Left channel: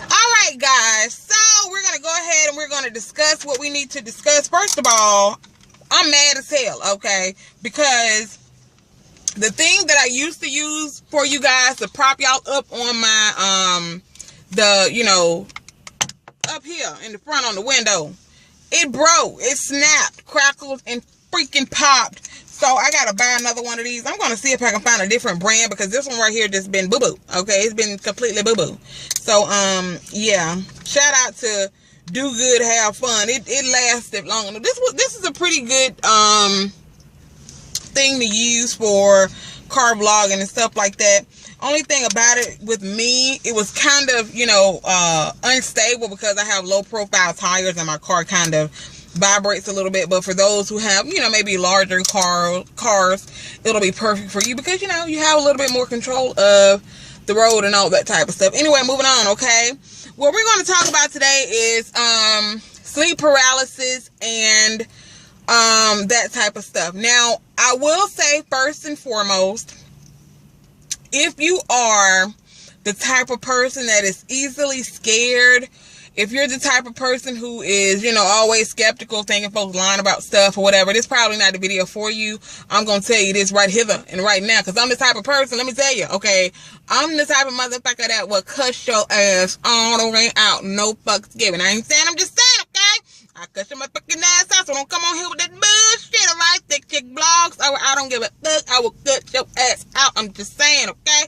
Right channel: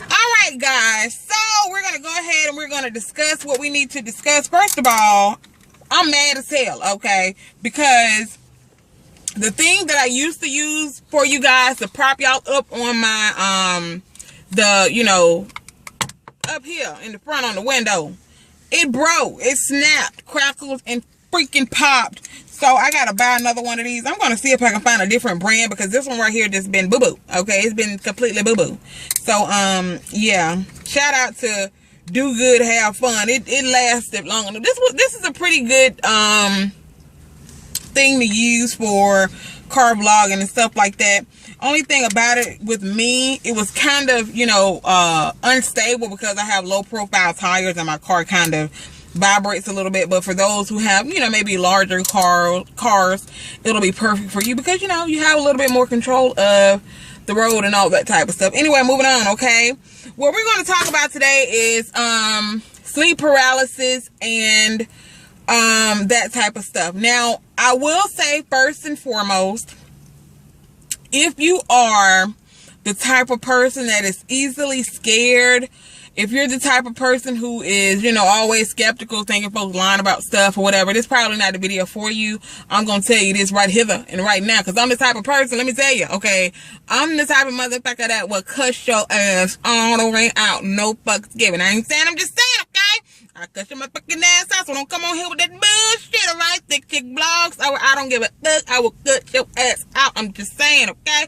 Alright guys, so we're going to go ahead and we're going to discuss what we need to discuss. First of all, I'm mad as hell, okay? Because the thing that I used to use for you guys to prop y'all up on my, up here in the front on the window, it broke, it snapped, crackled, and freaking popped. So I gotta buy another one of these. I'm gonna see if I can find a different brand because this one right here just been boo-boo. Okay, it's been completely boo-boo. So yeah. Shout out to Do Good Have Fun. It lasted long enough. This is a pretty good thing to use for car vlogging and stuff like that. Only thing about it with me, it was kind of, unstable because I have low profile tires and my car kind of vibrates a little bit. But for those who have, maybe larger cars, it'll be perfect for you because, you have a little bit more control of the road and all that type of stuff. Anyway, moving on, okay? What we're going to talk about today is sleep paralysis and that type of stuff. Now, I will say first and foremost, if you are the type of person that is easily scared, if you're the type of person who is, always skeptical, thinking folks lying about stuff or whatever, this is probably not the video for you. I'm going to tell you this right hither and right now because I'm the type of person, let me tell you, okay? I'm the type of motherfucker that will cuss your ass all the way out. No fucks given. I ain't saying, I'm just saying, okay? I cuss your motherfucking ass out, so don't come on here with that bullshit, alright? Thick chick blogs. I don't give a fuck. I will cut your ass out. I'm just saying, okay?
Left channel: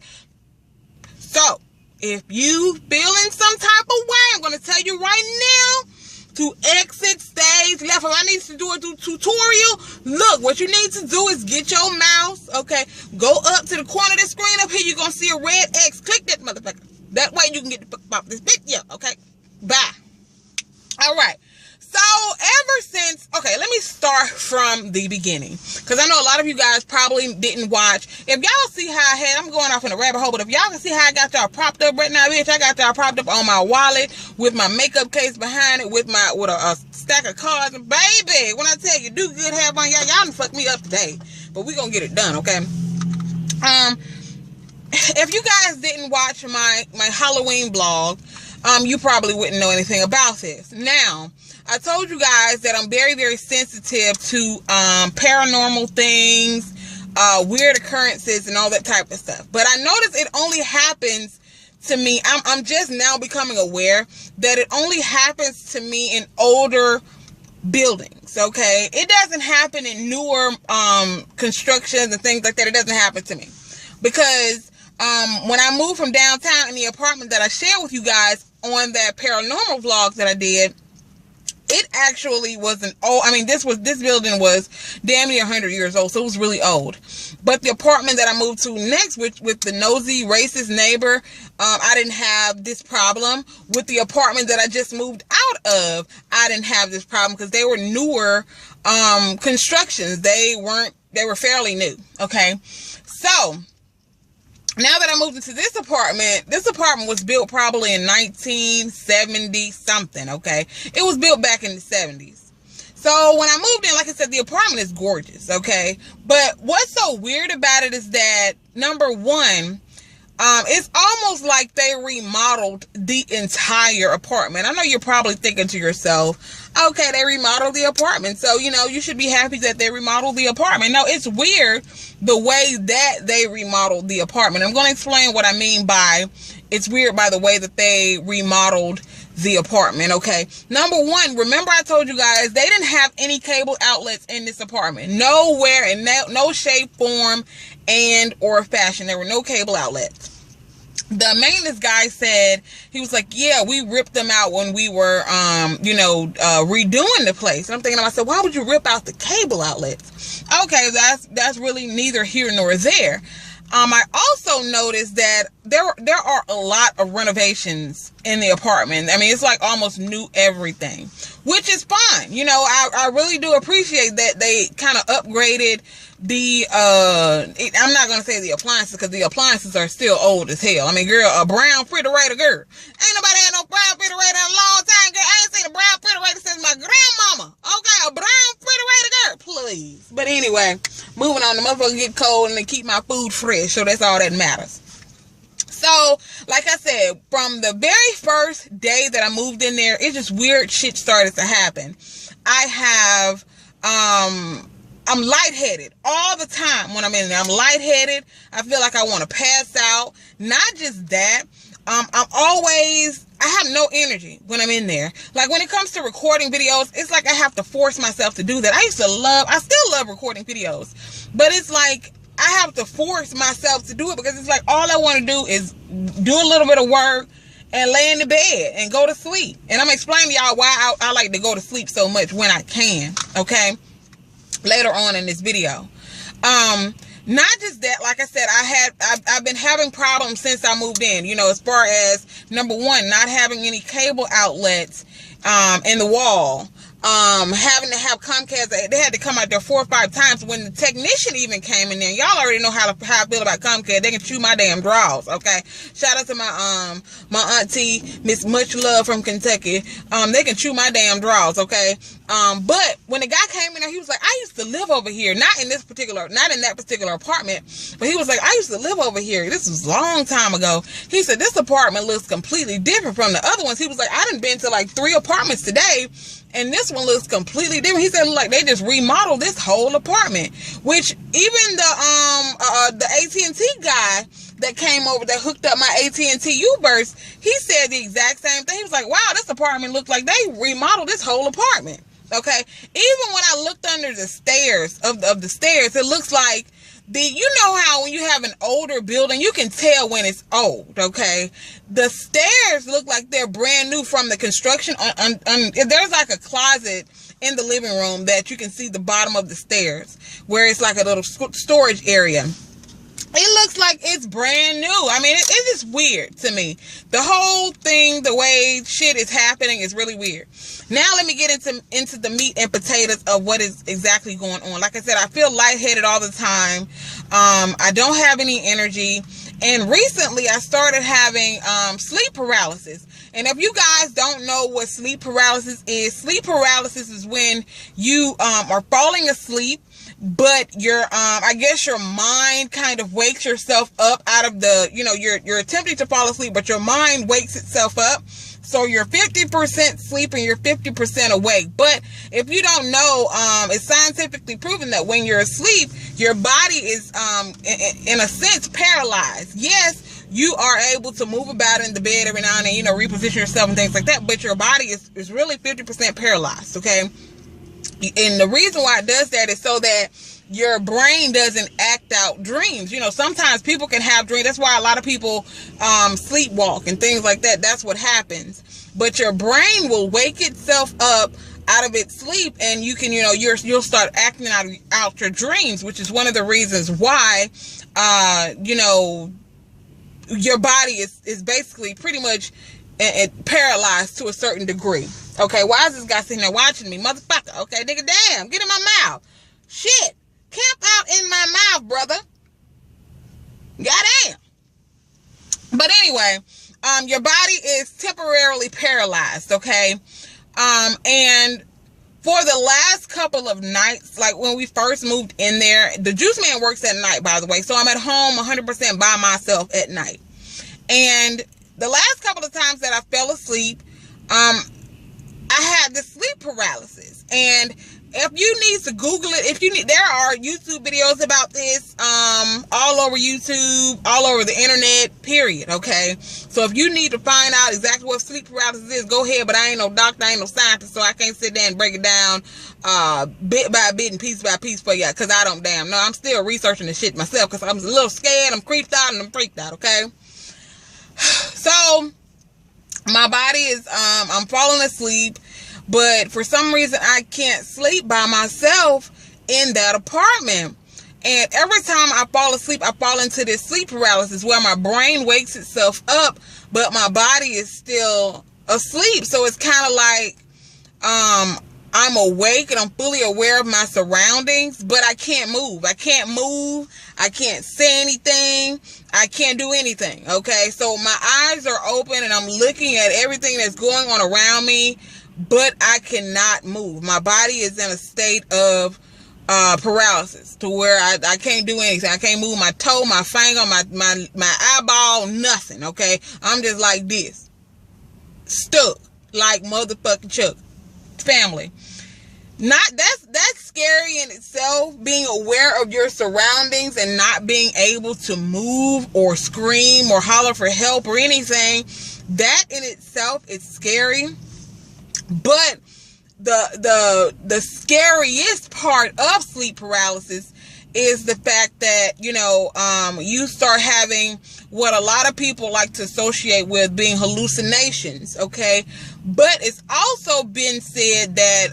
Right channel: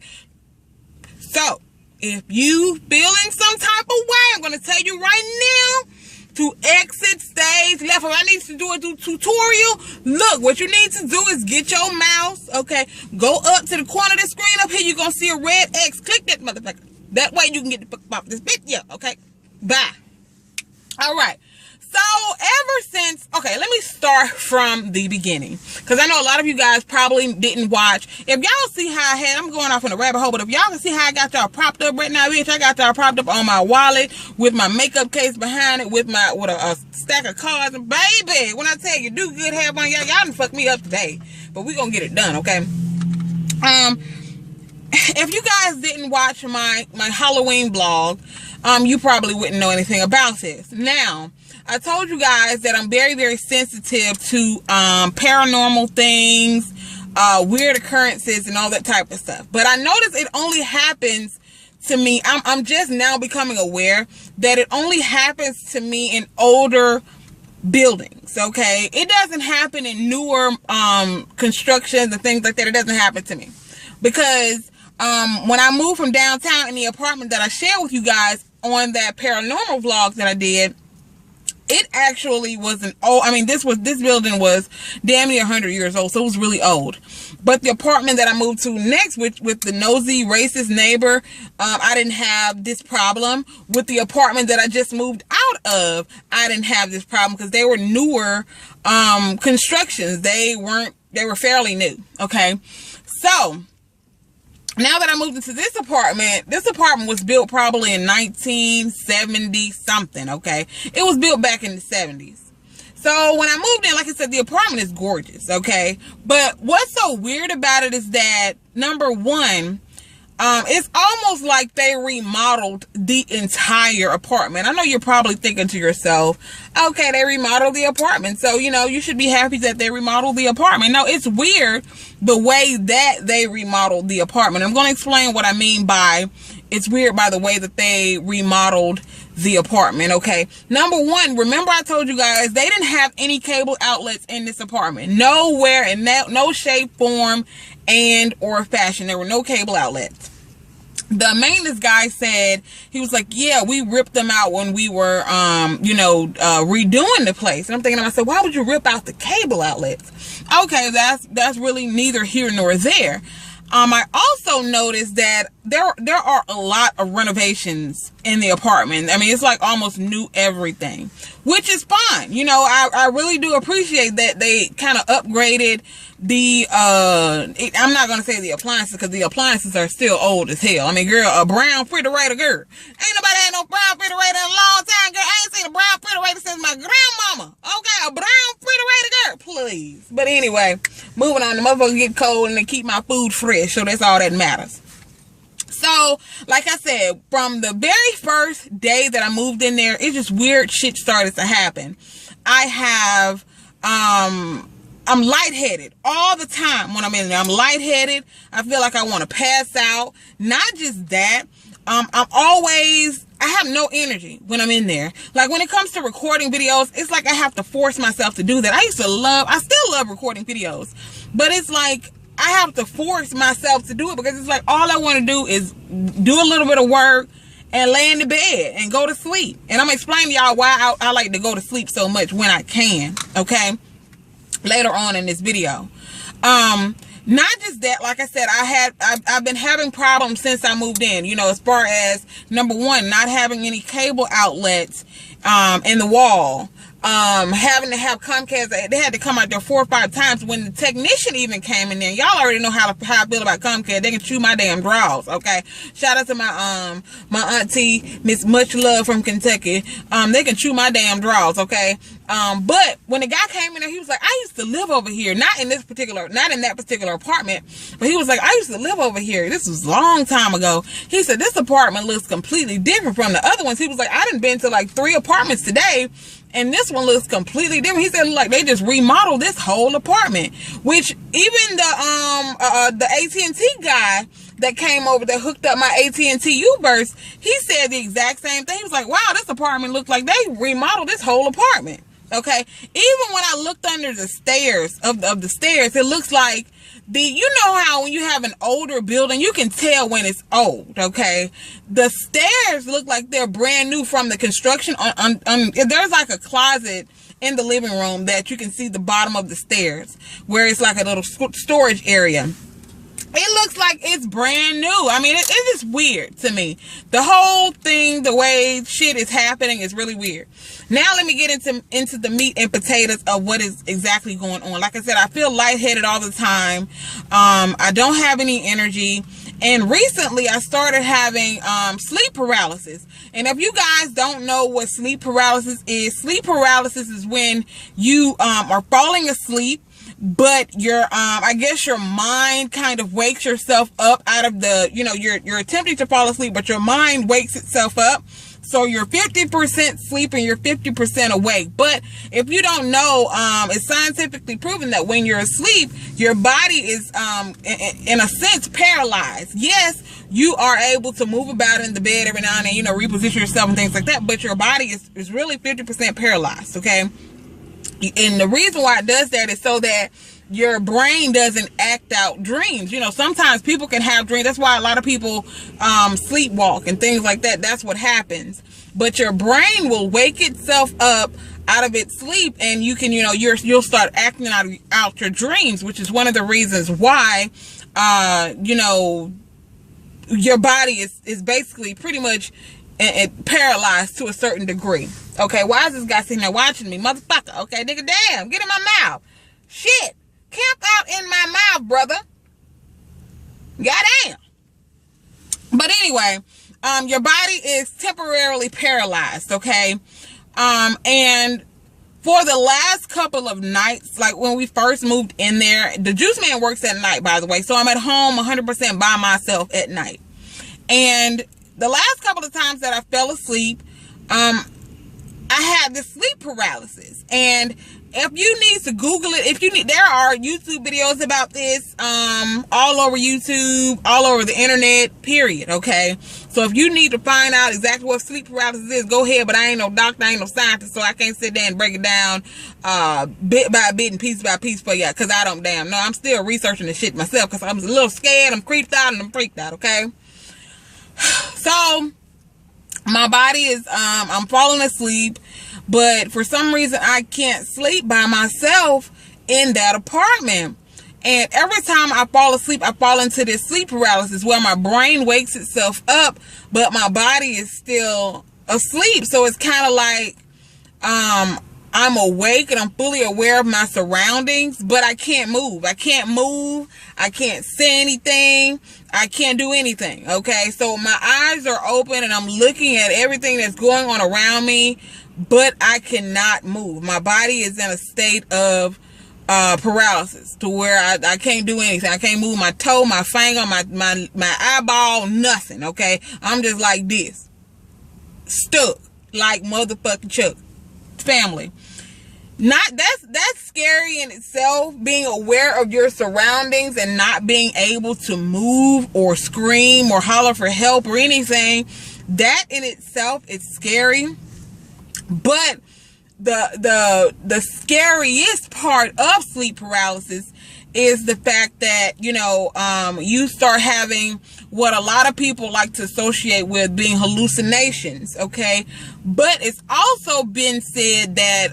So, if you feeling some type of way, I'm going to tell you right now to exit stage left. If I need to do a tutorial, look, what you need to do is get your mouse, okay, go up to the corner of the screen up here. You're going to see a red X. Click that motherfucker. That way you can get the fuck off this video, okay? Bye. All right. So ever since, okay, let me start from the beginning because I know a lot of you guys probably didn't watch. If y'all see how I'm going off in a rabbit hole, but if y'all can see how I got y'all propped up right now, bitch, I got y'all propped up on my wallet with my makeup case behind it with a stack of cards. And baby, when I tell you, Do Good Have Fun, y'all done fucked me up today, but we gonna get it done, okay? If you guys didn't watch my Halloween vlog, you probably wouldn't know anything about this. Now, I told you guys that I'm very, very sensitive to paranormal things, weird occurrences, and all that type of stuff. But I noticed it only happens to me. I'm just now becoming aware that it only happens to me in older buildings, okay? It doesn't happen in newer constructions and things like that. It doesn't happen to me. Because when I moved from downtown in the apartment that I shared with you guys on that paranormal vlog that I did, it actually was this building was damn near 100 years old, so it was really old. But the apartment that I moved to next with the nosy racist neighbor, I didn't have this problem. With the apartment that I just moved out of, I didn't have this problem because they were newer constructions. They were fairly new, okay? So now that I moved into this apartment was built probably in 1970 something, okay? It was built back in the 70s. So when I moved in, like I said, the apartment is gorgeous, okay? But what's so weird about it is that, number one, it's almost like they remodeled the entire apartment. I know you're probably thinking to yourself, okay, they remodeled the apartment, so, you should be happy that they remodeled the apartment. No, it's weird the way that they remodeled the apartment. I'm going to explain what I mean by it's weird by the way that they remodeled the apartment, okay? Number one, remember I told you guys they didn't have any cable outlets in this apartment. Nowhere, in no shape, form, and or fashion. There were no cable outlets. The maintenance guy said, he was like, yeah, we ripped them out when we were, redoing the place. And I'm thinking to myself, why would you rip out the cable outlets? Okay, that's really neither here nor there. I also noticed that there are a lot of renovations in the apartment. I mean, it's like almost new everything, which is fine. I really do appreciate that they kind of upgraded the, I'm not going to say the appliances because the appliances are still old as hell. I mean, girl, a brown refrigerator, girl. Ain't nobody had no brown refrigerator in a long time, girl. I ain't seen a brown refrigerator since my grandmama. Okay, a brown refrigerator, girl, please. But anyway, moving on, the motherfuckers get cold and they keep my food fresh, so that's all that matters. So, like I said, from the very first day that I moved in there, it just weird shit started to happen. I'm lightheaded all the time when I'm in there. I'm lightheaded. I feel like I want to pass out. Not just that. I have no energy when I'm in there. Like when it comes to recording videos, it's like I have to force myself to do that. I still love recording videos, but it's like I have to force myself to do it because it's like all I want to do is do a little bit of work and lay in the bed and go to sleep. And I'm explaining to y'all why I like to go to sleep so much when I can, okay? Later on in this video. Not just that, like I said, I've been having problems since I moved in, you know, as far as number one, not having any cable outlets in the wall. Having to have Comcast, they had to come out there 4 or 5 times when the technician even came in there. Y'all already know how I feel about Comcast. They can chew my damn drawers, okay? Shout out to my auntie, Miss Much Love from Kentucky. They can chew my damn drawers, okay? But when the guy came in there, he was like, I used to live over here. Not in that particular apartment, but he was like, I used to live over here. This was a long time ago. He said, this apartment looks completely different from the other ones. He was like, I done been to like 3 apartments today, and this one looks completely different. He said, like, they just remodeled this whole apartment, which even the AT&T guy that came over that hooked up my AT&T U-Burst, he said the exact same thing. He was like, wow, this apartment looked like they remodeled this whole apartment. Okay. Even when I looked under the stairs of the stairs, it looks like you know how when you have an older building, you can tell when it's old, okay? The stairs look like they're brand new from the construction. There's like a closet in the living room that you can see the bottom of the stairs where it's like a little storage area. It looks like it's brand new. I mean, it's just weird to me. The whole thing, the way shit is happening is really weird. Now let me get into the meat and potatoes of what is exactly going on. Like I said, I feel lightheaded all the time. I don't have any energy. And recently I started having sleep paralysis. And if you guys don't know what sleep paralysis is when you are falling asleep, but your I guess your mind kind of wakes yourself up out of the, you know, you're attempting to fall asleep, but your mind wakes itself up. So you're 50% sleep and you're 50% awake. But if you don't know, it's scientifically proven that when you're asleep, your body is, in a sense, paralyzed. Yes, you are able to move about in the bed every now and then, you know, reposition yourself and things like that. But your body is really 50% paralyzed, okay? And the reason why it does that is so that your brain doesn't act out dreams. You know, sometimes people can have dreams. That's why a lot of people sleepwalk and things like that. That's what happens. But your brain will wake itself up out of its sleep, and you can, you know, you'll start acting out your dreams, which is one of the reasons why, you know, your body is basically pretty much paralyzed to a certain degree. Okay, why is this guy sitting there watching me? Motherfucker. Okay, nigga, damn, get in my mouth. Shit. Camp out in my mouth, brother. Goddamn. But anyway, your body is temporarily paralyzed, okay? And for the last couple of nights, like when we first moved in there, the juice man works at night, by the way. So I'm at home 100% by myself at night. And the last couple of times that I fell asleep, I had the sleep paralysis. And if you need to Google it, there are YouTube videos about this, all over YouTube, all over the internet, period, okay? So if you need to find out exactly what sleep paralysis is, go ahead, but I ain't no doctor, I ain't no scientist, so I can't sit there and break it down, bit by bit and piece by piece for you, because I don't damn know. I'm still researching the shit myself, because I'm a little scared, I'm creeped out, and I'm freaked out, okay? So, my body is, I'm falling asleep, but for some reason I can't sleep by myself in that apartment. And every time I fall asleep, I fall into this sleep paralysis where my brain wakes itself up, but my body is still asleep. So it's kind of like, I'm awake and I'm fully aware of my surroundings, but I can't move. I can't move. I can't say anything. I can't do anything. Okay. So my eyes are open and I'm looking at everything that's going on around me, but I cannot move. My body is in a state of paralysis, to where I can't do anything. I can't move my toe, my finger, my eyeball, nothing. Okay, I'm just like this, stuck like motherfucking Chuck. Family, that's scary in itself. Being aware of your surroundings and not being able to move or scream or holler for help or anything, that in itself is scary. But the scariest part of sleep paralysis is the fact that, you know, you start having what a lot of people like to associate with being hallucinations, okay? But it's also been said that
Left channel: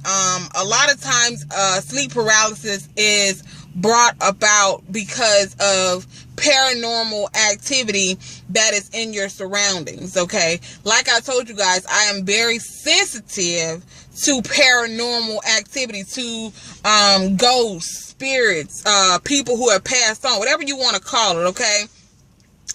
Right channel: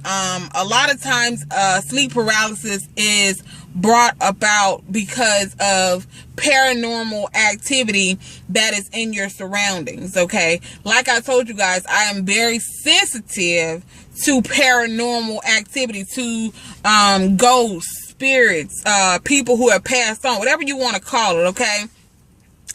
a lot of times sleep paralysis is brought about because of paranormal activity that is in your surroundings, okay? Like I told you guys, I am very sensitive to paranormal activity, to ghosts, spirits, people who have passed on, whatever you want to call it, okay?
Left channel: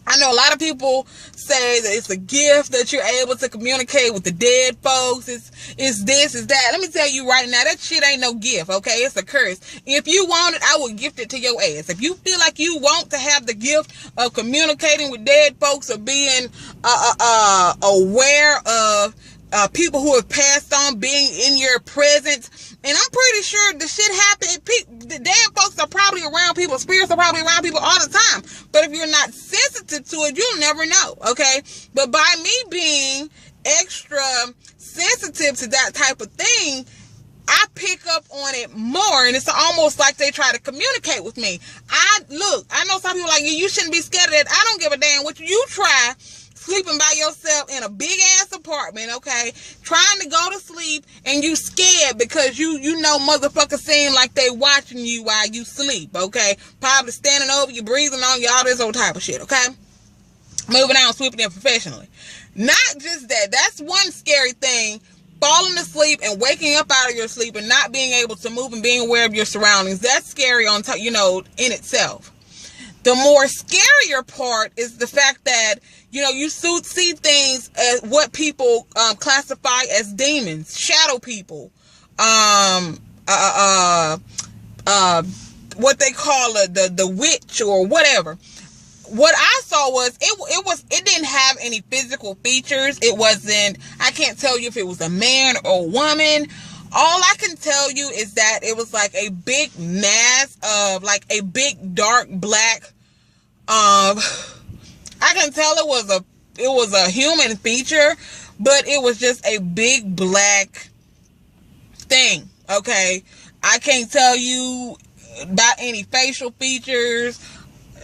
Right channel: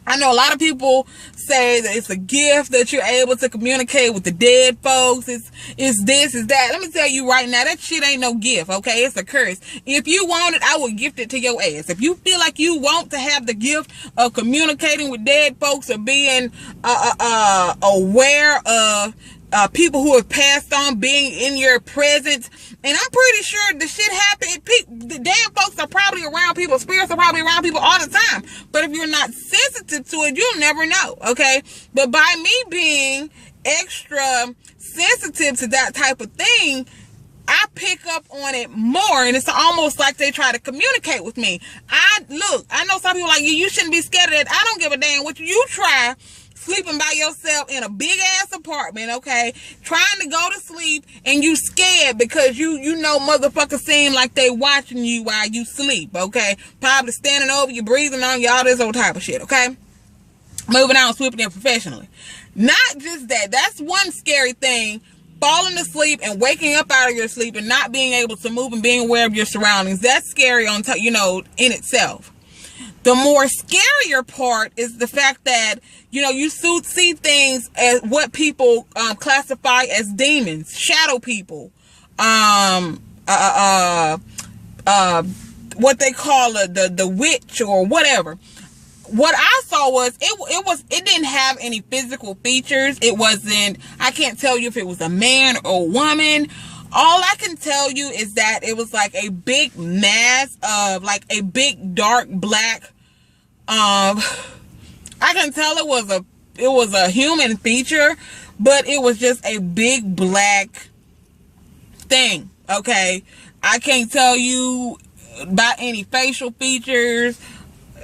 I know a lot of people say that it's a gift that you're able to communicate with the dead folks. It's this, it's that. Let me tell you right now, that shit ain't no gift, okay? It's a curse. If you want it, I will gift it to your ass. If you feel like you want to have the gift of communicating with dead folks or being aware of people who have passed on, being in your presence, and I'm pretty sure the shit happened. The damn folks are probably around people. Spirits are probably around people all the time. But if you're not sensitive to it, you'll never know, okay? But by me being extra sensitive to that type of thing, I pick up on it more, and it's almost like they try to communicate with me. I know some people are like, you shouldn't be scared of that. I don't give a damn what you try. Sleeping by yourself in a big ass apartment, okay, trying to go to sleep, and you scared because you know motherfuckers seem like they watching you while you sleep, okay, probably standing over you, breathing on you, all this old type of shit, okay? Moving on swiftly and professionally. Not just that, that's one scary thing, falling asleep and waking up out of your sleep and not being able to move and being aware of your surroundings. That's scary on top, you know, in itself. The more scarier part is the fact that, you know, you see things as what people classify as demons, shadow people, what they call the witch or whatever. What I saw was it didn't have any physical features. It wasn't, I can't tell you if it was a man or a woman. All I can tell you is that it was like a big mass of, like a big dark black, I can tell it was a human feature, but it was just a big black thing, okay? I can't tell you about any facial features,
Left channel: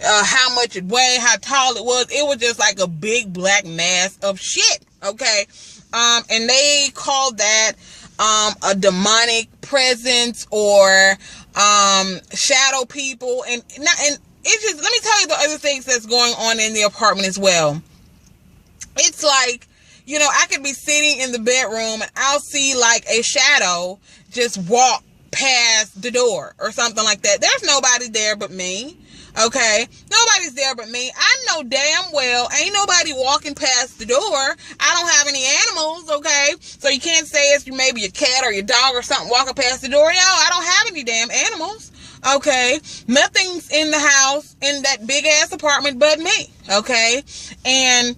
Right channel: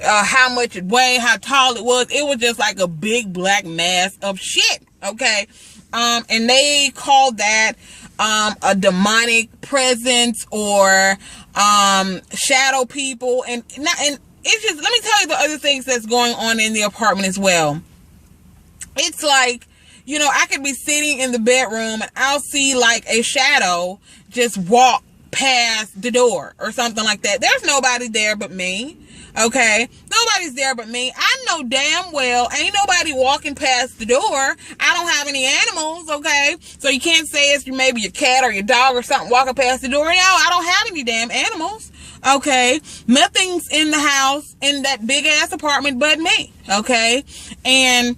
how much it weighed, how tall it was. It was just like a big black mass of shit, okay? And they called that a demonic presence or shadow people, and it's just, let me tell you the other things that's going on in the apartment as well. It's like, you know, I could be sitting in the bedroom and I'll see like a shadow just walk past the door or something like that. There's nobody there but me. Okay, nobody's there but me. I know damn well ain't nobody walking past the door. I don't have any animals, okay? So you can't say it's maybe your cat or your dog or something walking past the door. No, I don't have any damn animals, okay? Nothing's in the house, in that big ass apartment but me, okay? And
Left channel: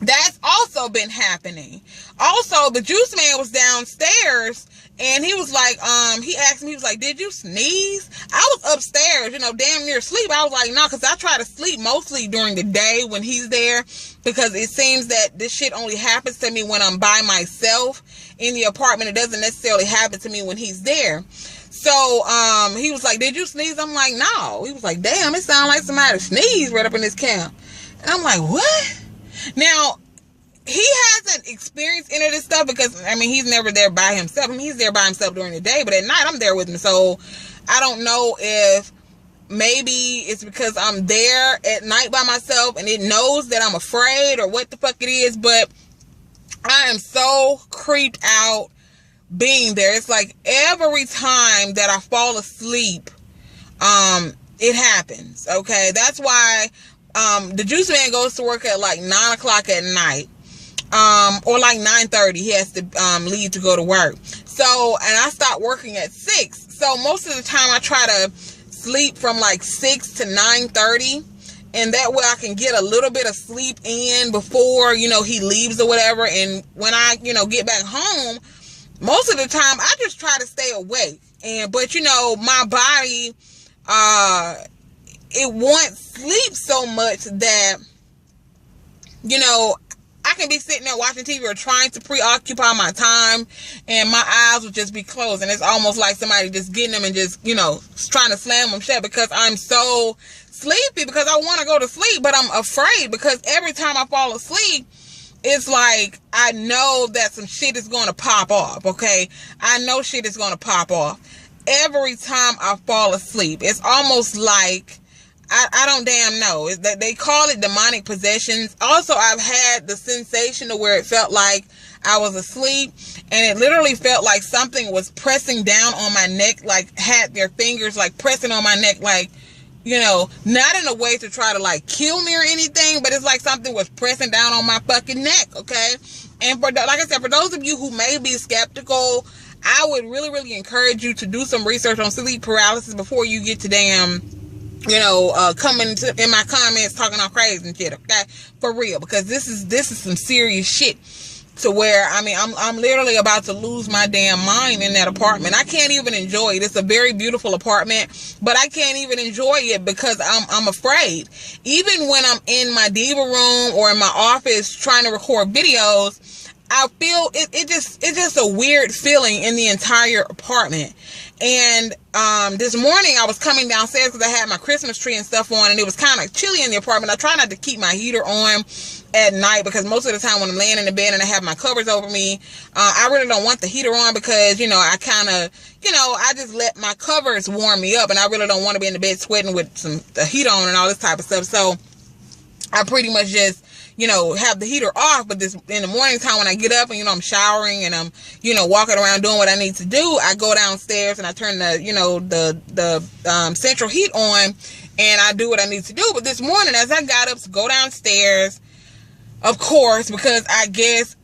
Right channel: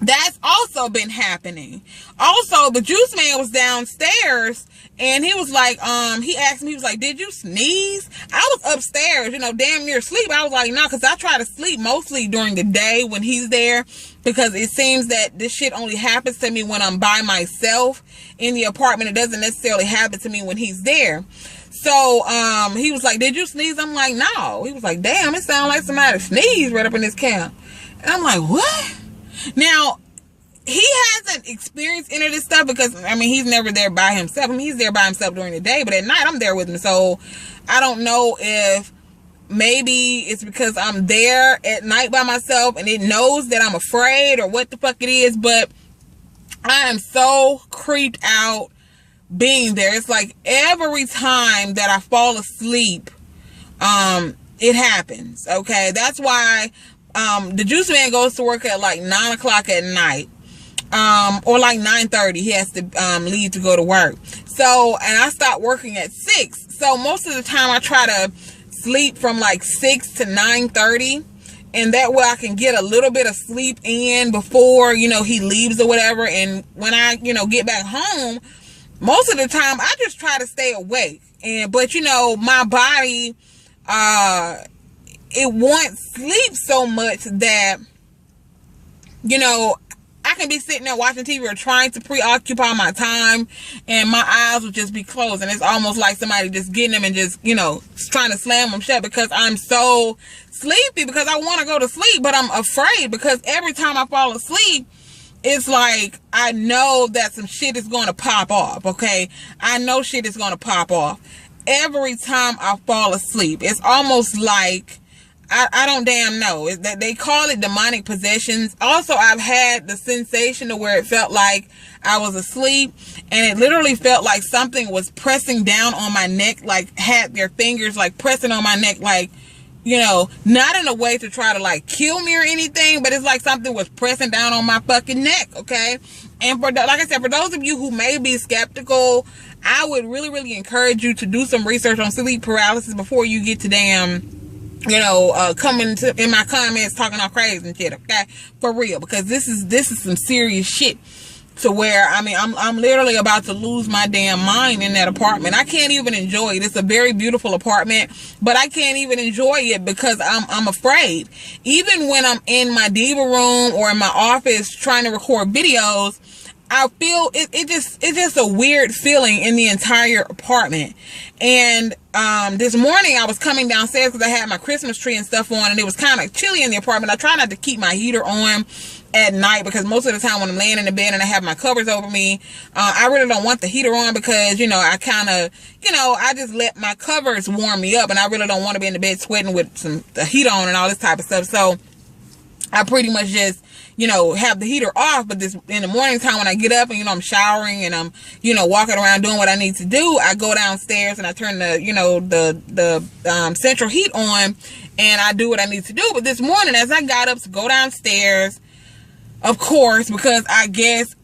that's also been happening. Also, the juice man was downstairs and he was like, he asked me, he was like, did you sneeze? I was upstairs, you know, damn near asleep. I was like, no, because I try to sleep mostly during the day when he's there, because it seems that this shit only happens to me when I'm by myself in the apartment. It doesn't necessarily happen to me when he's there. So, he was like, did you sneeze? I'm like, no. He was like, damn, it sounds like somebody sneezed right up in this camp. And I'm like, what? Now, he hasn't experienced any of this stuff because, I mean, he's never there by himself. I mean, he's there by himself during the day, but at night I'm there with him. So I don't know if maybe it's because I'm there at night by myself and it knows that I'm afraid or what the fuck it is, but I am so creeped out being there. It's like every time that I fall asleep, it happens. Okay. That's why, the juice man goes to work at like 9 o'clock at night. or like 9:30 he has to leave to go to work. So, and I start working at 6. So most of the time I try to sleep from like 6 to 9:30, and that way I can get a little bit of sleep in before, you know, he leaves or whatever. And when I, you know, get back home, most of the time I just try to stay awake. But you know, my body, it wants sleep so much that, you know, I can be sitting there watching TV or trying to preoccupy my time, and my eyes will just be closed, and it's almost like somebody just getting them and just, you know, trying to slam them shut, because I'm so sleepy, because I want to go to sleep, but I'm afraid, because every time I fall asleep, it's like I know that some shit is going to pop off, okay? I know shit is going to pop off. Every time I fall asleep, it's almost like I don't damn know. They call it demonic possessions. Also, I've had the sensation to where it felt like I was asleep, and it literally felt like something was pressing down on my neck, like had their fingers like pressing on my neck, like, you know, not in a way to try to like kill me or anything, but it's like something was pressing down on my fucking neck, okay? And for like I said, for those of you who may be skeptical, I would really, really encourage you to do some research on sleep paralysis before you get to damn, you know, coming to in my comments talking all crazy and shit, okay? For real, because this is some serious shit, to where, I mean, I'm literally about to lose my damn mind in that apartment. I can't even enjoy it. It's a very beautiful apartment, but I can't even enjoy it because I'm afraid. Even when I'm in my diva room or in my office trying to record videos, I feel it's just a weird feeling in the entire apartment. And this morning I was coming downstairs because I had my Christmas tree and stuff on, and it was kind of chilly in the apartment. I try not to keep my heater on at night, because most of the time when I'm laying in the bed and I have my covers over me, I really don't want the heater on, because, you know, I kind of, you know, I just let my covers warm me up, and I really don't want to be in the bed sweating with the heat on and all this type of stuff. So I pretty much just, you know, have the heater off. But this in the morning time when I get up and, you know, I'm showering and I'm, you know, walking around doing what I need to do, I go downstairs and I turn the, you know, the central heat on, and I do what I need to do. But this morning, as I got up to go downstairs, of course, because I guess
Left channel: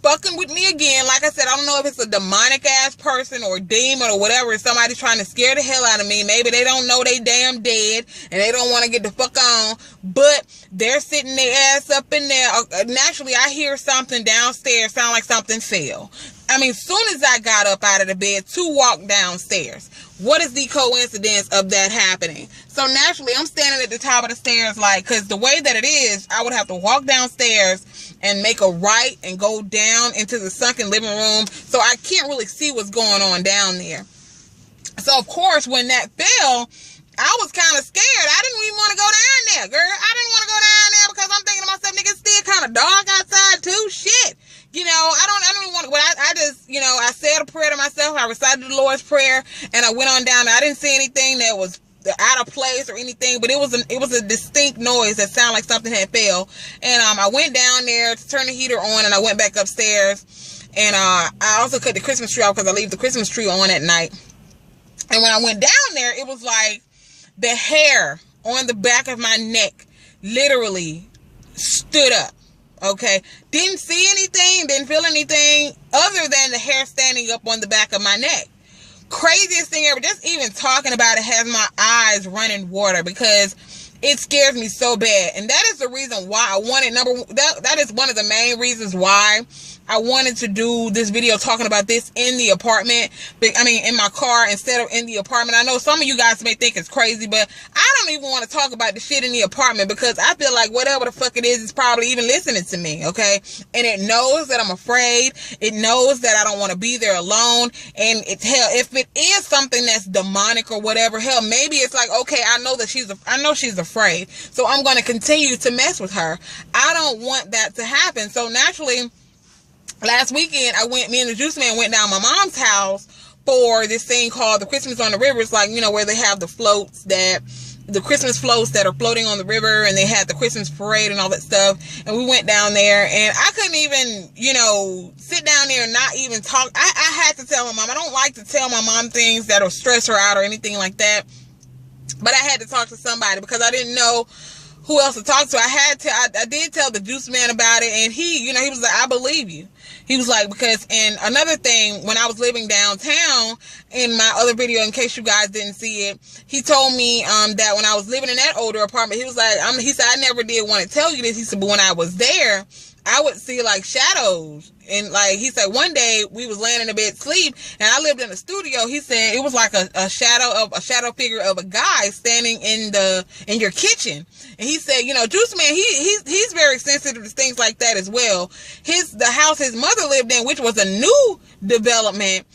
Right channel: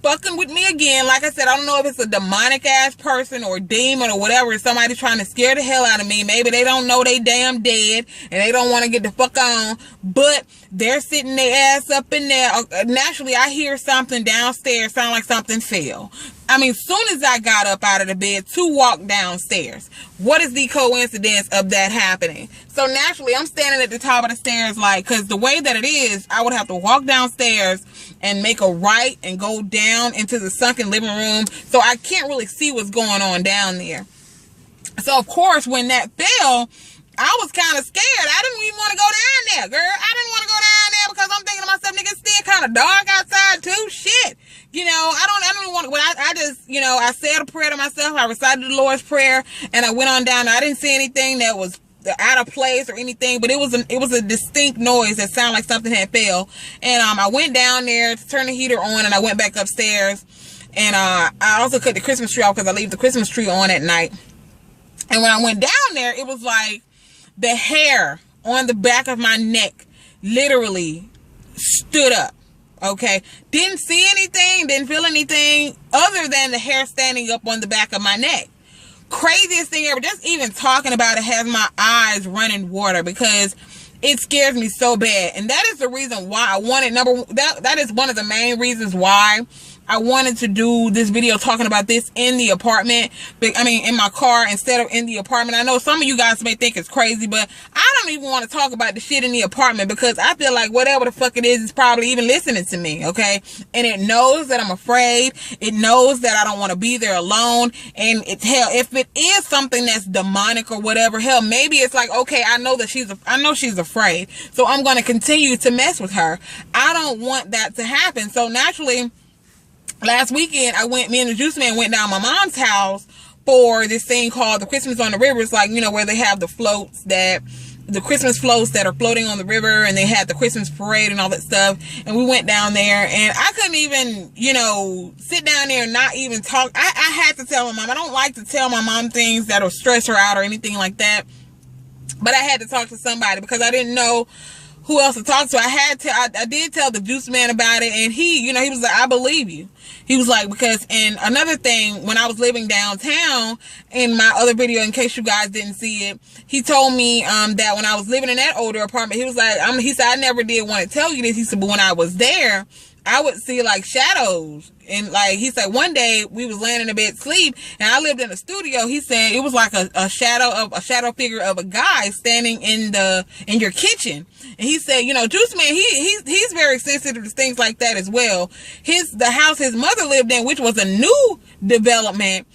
fucking with me again, like I said, I don't know if it's a demonic ass person or a demon or whatever, somebody trying to scare the hell out of me. Maybe they don't know they damn dead and they don't want to get the fuck on, but they're sitting their ass up in there. Naturally, I hear something downstairs sound like something fell. I mean, soon as I got up out of the bed to walk downstairs, what is the coincidence of that happening? So naturally, I'm standing at the top of the stairs, like, because the way that it is, I would have to walk downstairs and make a right and go down into the sunken living room. So I can't really see what's going on down there. So, of course, when that fell, I was kind of scared. I didn't even want to go down there, girl. I didn't want to go down there because I'm thinking to myself, nigga, it's still kind of dark outside, too. Shit. You know, I don't even want to, but I just, you know, I said a prayer to myself. I recited the Lord's Prayer, and I went on down. I didn't see anything that was out of place or anything, but it was a distinct noise that sounded like something had fell. And I went down there to turn the heater on, and I went back upstairs. And I also cut the Christmas tree off because I leave the Christmas tree on at night. And when I went down there, it was like the hair on the back of my neck literally stood up. Okay, didn't see anything, didn't feel anything other than the hair standing up on the back of my neck. Craziest thing ever. Just even talking about it has my eyes running water, because it scares me so bad. And that is the reason why I wanted that is one of the main reasons why I wanted to do this video talking about this in the apartment. I mean, in my car instead of in the apartment. I know some of you guys may think it's crazy, but I don't even want to talk about the shit in the apartment, because I feel like whatever the fuck it is probably even listening to me, okay? And it knows that I'm afraid. It knows that I don't want to be there alone. And it's hell, if it is something that's demonic or whatever, hell, maybe it's like, okay, I know she's afraid, so I'm going to continue to mess with her. I don't want that to happen. So naturally, last weekend, me and the juice man went down my mom's house for this thing called the Christmas on the River. It's like, you know, where they have the Christmas floats that are floating on the river, and they had the Christmas parade and all that stuff. And we went down there, and I couldn't even, you know, sit down there and not even talk. I had to tell my mom. I don't like to tell my mom things that will stress her out or anything like that. But I had to talk to somebody, because I didn't know who else to talk to. I did tell the juice man about it, and he, you know, he was like, I believe you. He was like, because, and another thing, when I was living downtown, in my other video, in case you guys didn't see it, he told me that when I was living in that older apartment, he was like, he said, I never did want to tell you this. He said, but when I was there, I would see like shadows. And like, he said, one day we was laying in the bed sleep, and I lived in a studio. He said it was like a shadow figure of a guy standing in your kitchen. And he said, you know, Juice Man, he's very sensitive to things like that as well. The house his mother lived in, which was a new development,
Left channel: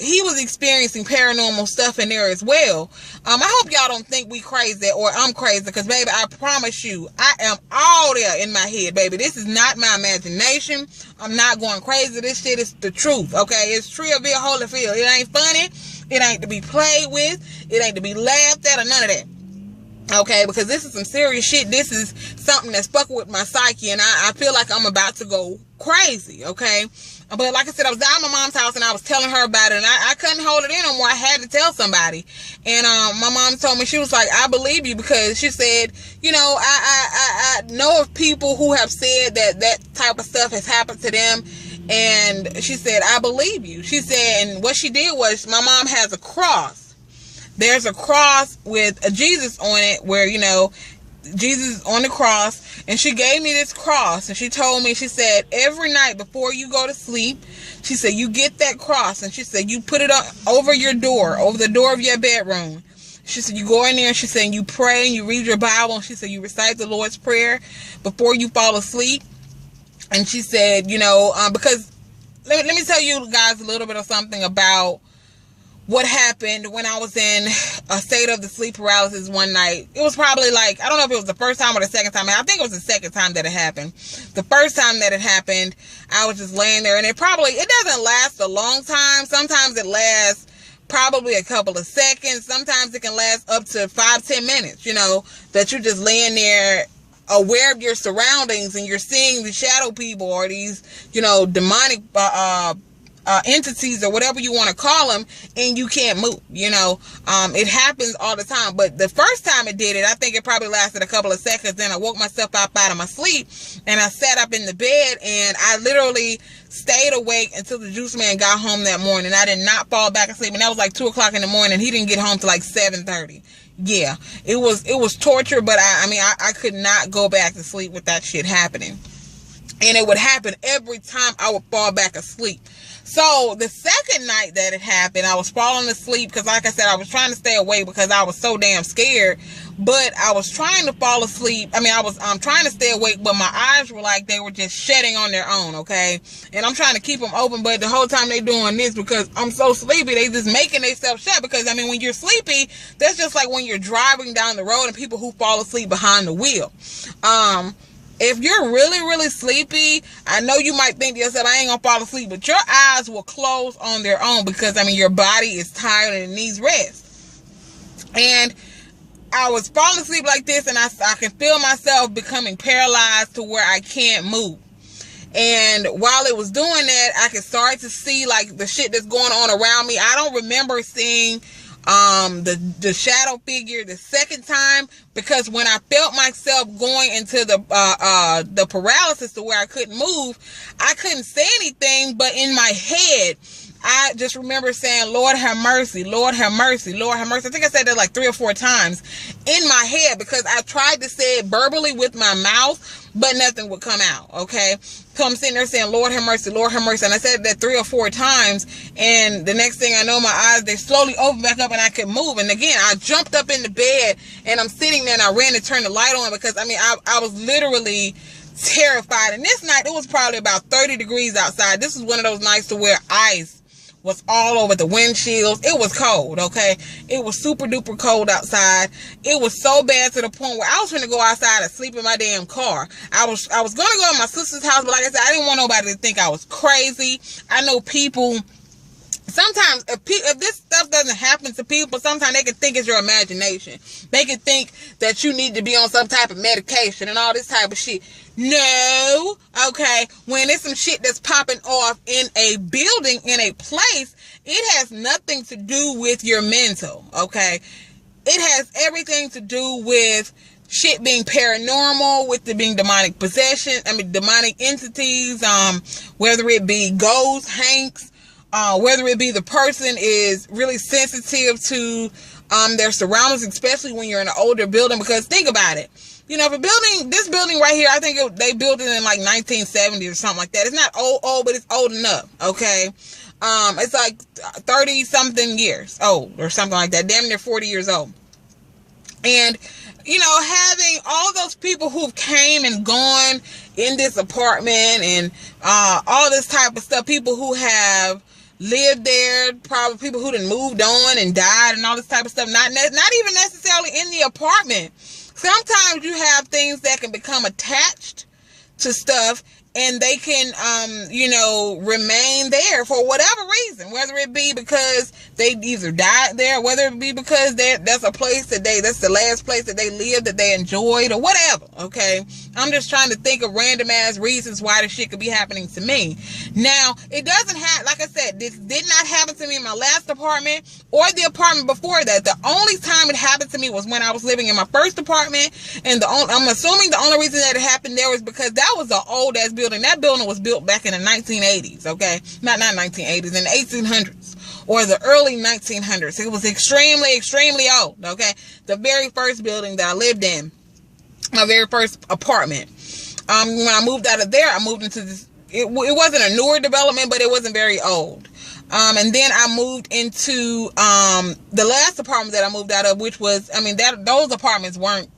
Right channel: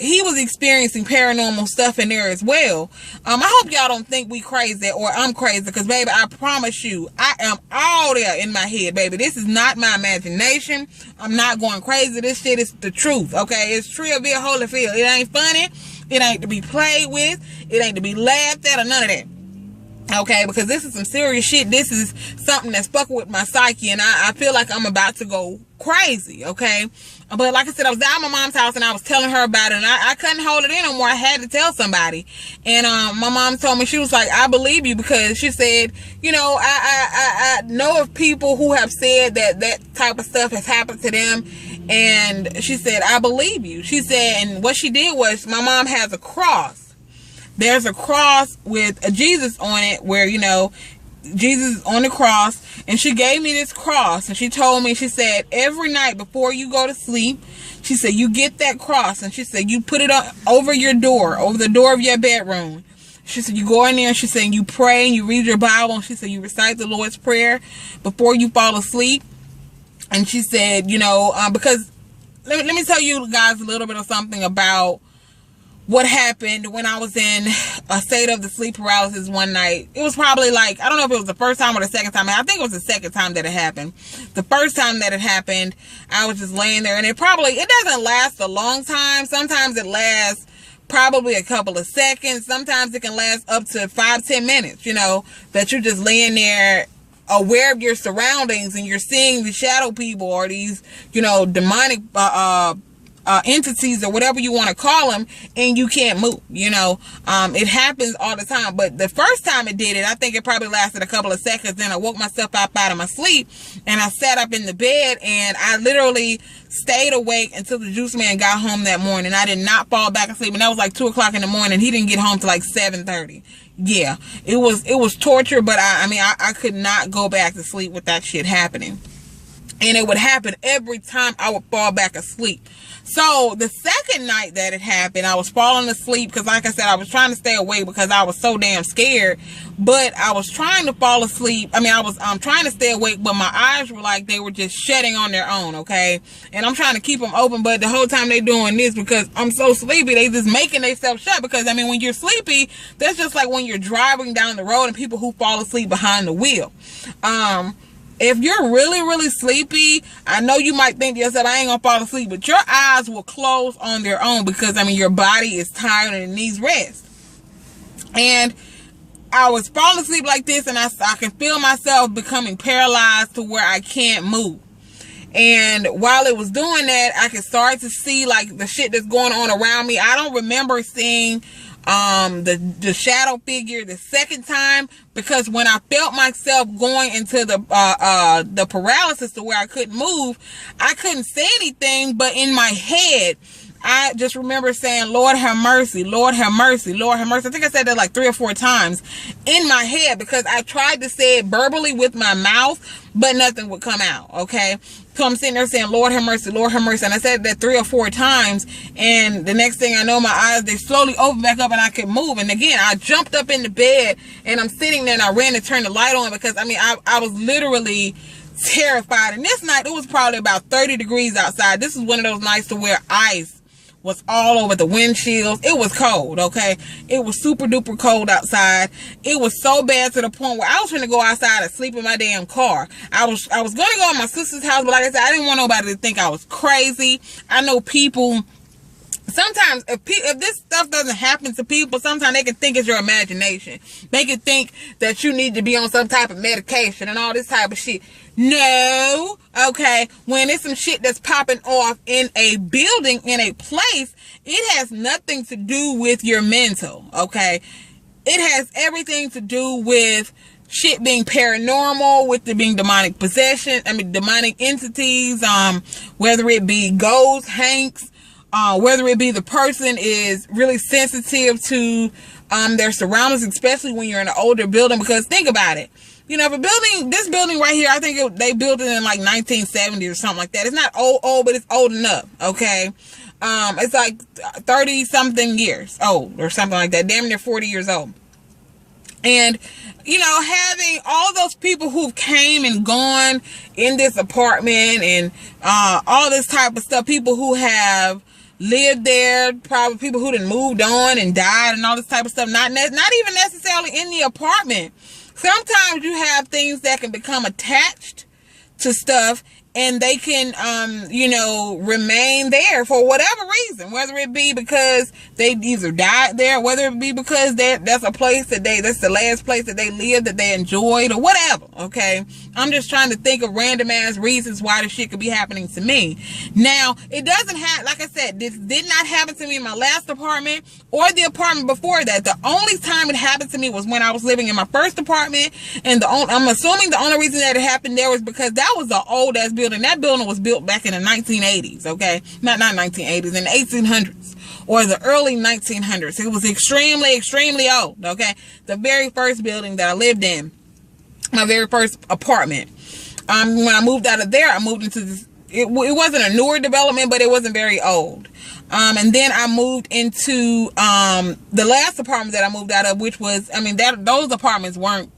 he was experiencing paranormal stuff in there as well. I hope y'all don't think we crazy or I'm crazy, because baby, I promise you, I am all there in my head, baby. This is not my imagination. I'm not going crazy. This shit is the truth, okay? It's Treeville, Holyfield. It ain't funny. It ain't to be played with. It ain't to be laughed at or none of that. Okay, because this is some serious shit. This is something that's fucking with my psyche, and I feel like I'm about to go crazy, okay? But like I said, I was down at my mom's house, and I was telling her about it, and I couldn't hold it in no more. I had to tell somebody. And my mom told me, she was like, I believe you, because she said, you know, I know of people who have said that type of stuff has happened to them. And she said, I believe you. She said, and what she did was, my mom has a cross. There's a cross with a Jesus on it, where, you know, Jesus is on the cross, and she gave me this cross, and she told me, she said, every night before you go to sleep, she said, you get that cross, and she said, you put it up over your door, over the door of your bedroom. She said, you go in there, and she said, you pray, and you read your Bible, and she said, you recite the Lord's Prayer before you fall asleep. And she said, you know, because, let me tell you guys a little bit of something about what happened when I was in a state of the sleep paralysis one night. It was probably like, I don't know if it was the first time or the second time. I think it was the second time that it happened. The first time that it happened, I was just laying there, and it doesn't last a long time. Sometimes it lasts probably a couple of seconds. Sometimes it can last up to 5-10 minutes, you know, that you're just laying there aware of your surroundings, and you're seeing the shadow people, or these, you know, demonic entities, or whatever you want to call them, and you can't move, you know. It happens all the time. But the first time it did it, I think it probably lasted a couple of seconds. Then I woke myself up out of my sleep, and I sat up in the bed, and I literally stayed awake until the juice man got home that morning. I did not fall back asleep, and that was like 2 o'clock in the morning. He didn't get home till like 7:30. Yeah, it was torture, but I could not go back to sleep with that shit happening. And it would happen every time I would fall back asleep. So the second night that it happened, I was falling asleep, because like I said, I was trying to stay awake because I was so damn scared. But I was trying to fall asleep. I mean, I was trying to stay awake, but my eyes were like they were just shutting on their own, okay? And I'm trying to keep them open, but the whole time they doing this, because I'm so sleepy, they just making themselves shut. Because, I mean, when you're sleepy, that's just like when you're driving down the road and people who fall asleep behind the wheel. If you're really, really sleepy, I know you might think to yourself, I ain't gonna fall asleep, but your eyes will close on their own, because, I mean, your body is tired and it needs rest. And I was falling asleep like this, and I can feel myself becoming paralyzed to where I can't move. And while it was doing that, I could start to see like the shit that's going on around me. I don't remember seeing the shadow figure the second time, because when I felt myself going into the paralysis to where I couldn't move, I couldn't say anything, but in my head I just remember saying, Lord have mercy, Lord have mercy, Lord have mercy. I think I said that like 3 or 4 times in my head, because I tried to say it verbally with my mouth, but nothing would come out, okay? So I'm sitting there saying, Lord have mercy, Lord have mercy. And I said that 3 or 4 times, and the next thing I know, my eyes, they slowly opened back up and I could move. And again, I jumped up in the bed, and I'm sitting there, and I ran to turn the light on, because, I mean, I was literally terrified. And this night, it was probably about 30 degrees outside. This is one of those nights to where ice was all over the windshields. It was cold, okay? It was super duper cold outside. It was so bad to the point where I was trying to go outside and sleep in my damn car. I was going to go to my sister's house, but like I said, I didn't want nobody to think I was crazy. I know people, sometimes if this stuff doesn't happen to people, sometimes they can think it's your imagination. They can think that you need to be on some type of medication and all this type of shit. No, okay, when it's some shit that's popping off in a building, in a place, it has nothing to do with your mental, okay? It has everything to do with shit being paranormal, with it being demonic possession, demonic entities, whether it be ghosts, hanks, whether it be the person is really sensitive to their surroundings, especially when you're in an older building. Because think about it. You know, if this building right here, I think they built it in like 1970 or something like that. It's not old, but it's old enough, okay? It's like 30 something years old or something like that, damn near 40 years old. And, you know, having all those people who've came and gone in this apartment and all this type of stuff, people who have lived there, probably people who done moved on and died and all this type of stuff, not even necessarily in the apartment. Sometimes you have things that can become attached to stuff, and they can, you know, remain there for whatever reason, whether it be because they either died there, whether it be because that's a place that's the last place that they lived, that they enjoyed, or whatever, okay? I'm just trying to think of random ass reasons why this shit could be happening to me. Now, it doesn't have, like I said, this did not happen to me in my last apartment or the apartment before that. The only time it happened to me was when I was living in my first apartment, and I'm assuming the only reason that it happened there was because that was an old ass building. That building was built back in the 1980s, okay? Not 1980s, in the 1800s or the early 1900s. It was extremely, extremely old, okay? The very first building that I lived in, my very first apartment. When I moved out of there, I moved into this, it wasn't a newer development, but it wasn't very old. And then I moved into the last apartment that I moved out of, which was, those apartments weren't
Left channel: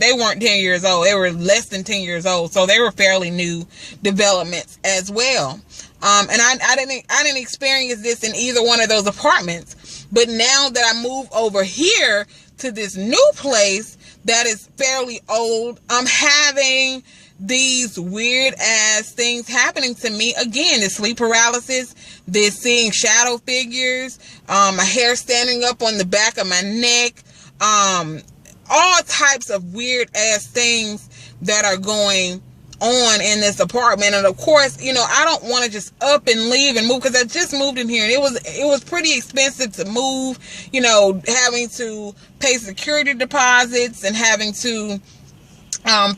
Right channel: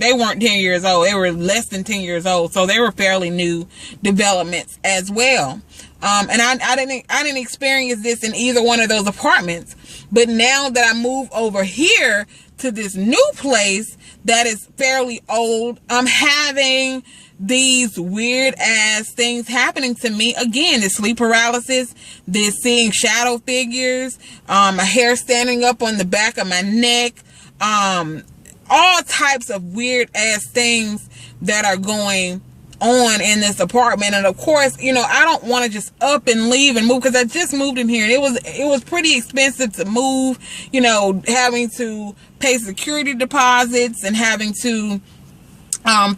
10 years old. They were less than 10 years old. So they were fairly new developments as well. And I didn't experience this in either one of those apartments. But now that I move over here to this new place that is fairly old, I'm having these weird ass things happening to me again. This sleep paralysis, this seeing shadow figures, my hair standing up on the back of my neck, all types of weird ass things that are going on in this apartment. And of course, you know, I don't want to just up and leave and move, because I just moved in here and it was pretty expensive to move, you know, having to pay security deposits and having to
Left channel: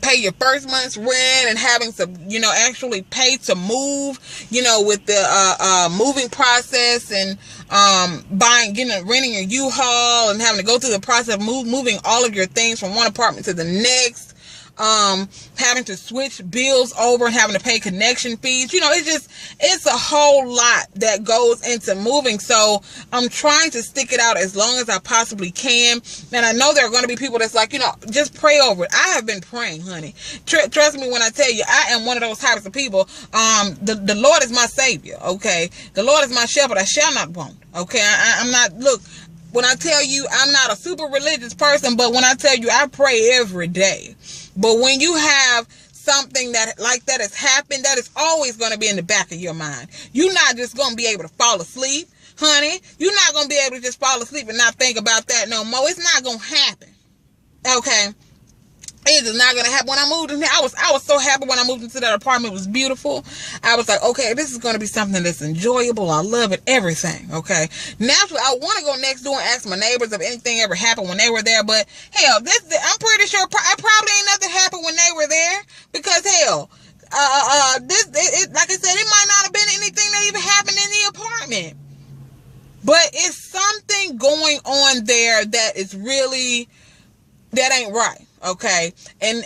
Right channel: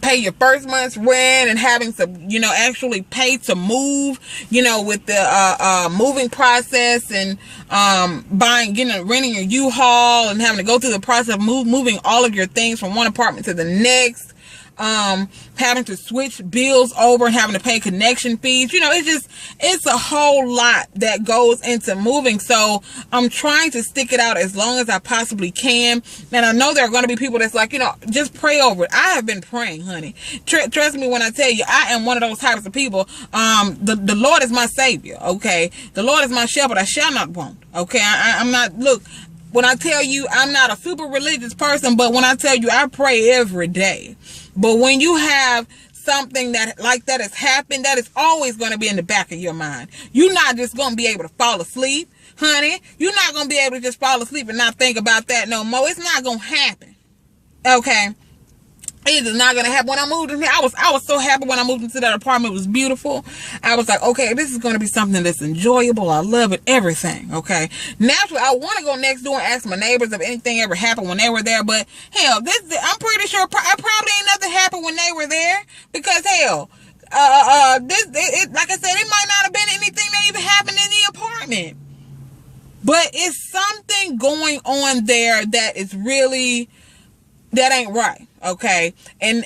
pay your first month's rent and having to, you know, actually pay to move, you know, with the moving process and renting a U-Haul and having to go through the process of moving all of your things from one apartment to the next. Having to switch bills over and having to pay connection fees. You know, it's a whole lot that goes into moving. So I'm trying to stick it out as long as I possibly can. And I know there are going to be people that's like, you know, just pray over it. I have been praying, honey. Trust me when I tell you, I am one of those types of people. The Lord is my savior. Okay. The Lord is my shepherd. I shall not want. Okay. I'm not, look, when I tell you I'm not a super religious person, but when I tell you I pray every day. But when you have something that like that has happened, that is always going to be in the back of your mind. You're not just going to be able to fall asleep, honey. You're not going to be able to just fall asleep and not think about that no more. It's not going to happen. Okay? It is not going to happen. When I moved in here, I was so happy when I moved into that apartment. It was beautiful. I was like, okay, this is going to be something that's enjoyable. I love it. Everything. Okay. Naturally, I want to go next door and ask my neighbors if anything ever happened when they were there. But hell, I'm pretty sure probably ain't nothing happened when they were there, because hell, like I said, it might not have been anything that even happened in the apartment. But it's something going on there that is really, that ain't right. Okay. And